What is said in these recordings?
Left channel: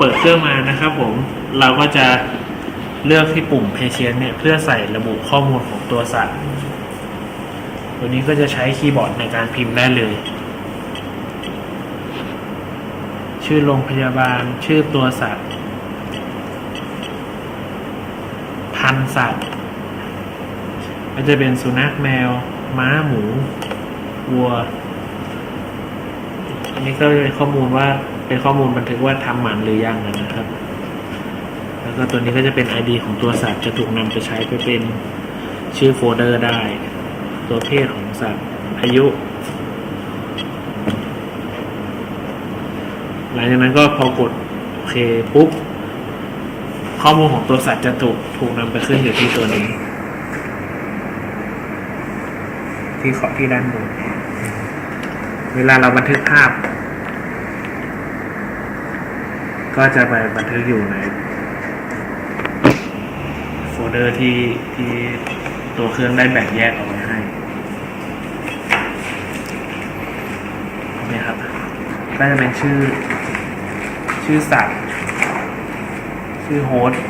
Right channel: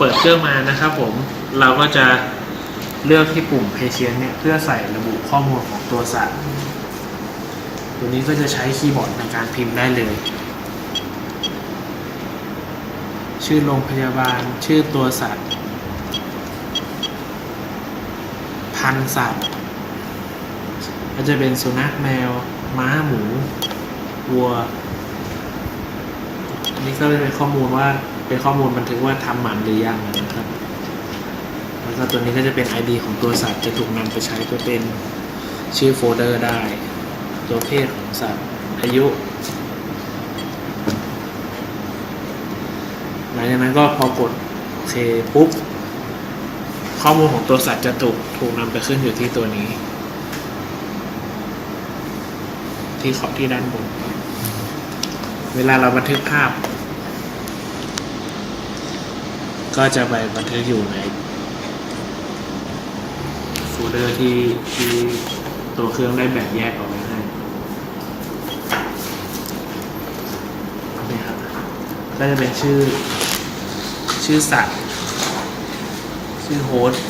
ปิดเครื่องมานะครับผมเราก็จะเลือกที่ปุ่ม Patient เนี่ยเพื่อใส่ระบุข้อมูลของตัวสัตว์ ตัวนี้ก็จะใช้คีย์บอร์ดในการพิมพ์ได้เลย ชื่อโรงพยาบาล ชื่อตัวสัตว์ พันสัตว์ ก็จะเป็นสุนัขแมว ม้าหมู วัว อันนี้ก็เป็นข้อมูลว่า เป็นข้อมูลบันทึกว่าทำหมันหรือยังนะครับ แล้วก็ตัวนี้ก็จะเป็น ID ของตัวสัตว์จะถูกนำไปใช้เพื่อเป็นชื่อโฟลเดอร์ได้ ตัวเพศของสัตว์อายุ หลังจากนั้นก็พอกดโอเคปุ๊บ ข้อมูลของตัวสัตว์จะถูกถูกนำไปขึ้นอยู่ที่ตัวนี้ ที่ขอบที่ด้านบนเวลาเราบันทึกภาพ ก็จะไปบันทึกอยู่ในโฟลเดอร์ที่ที่ตัวเครื่องได้แบ่งแยกออกไว้ให้นี่ครับก็จะเป็นชื่อ ชื่อสัตว์ชื่อโฮสต์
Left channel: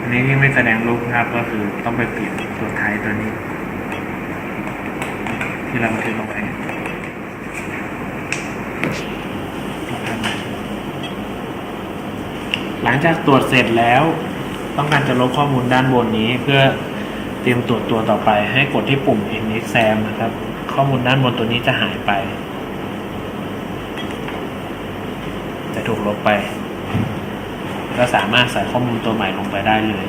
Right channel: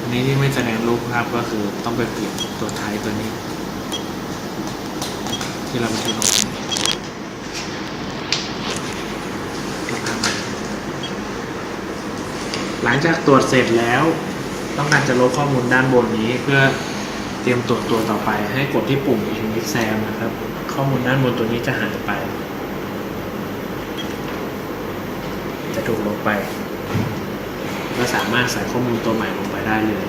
อันนี้ที่ไม่แสดงรูปนะครับก็คือต้องไปเปลี่ยนตัวท้ายตัวนี้ ที่เราบันทึกลงไปหลังจากตรวจเสร็จแล้ว ต้องการจะลบข้อมูลด้านบนนี้ เพื่อเตรียมตรวจตัวต่อไปให้กดที่ปุ่ม NXAM นะครับ ข้อมูลด้านบนตัวนี้จะหายไป จะถูกลบไป ก็สามารถใส่ข้อมูลตัวใหม่ลงไปได้เลย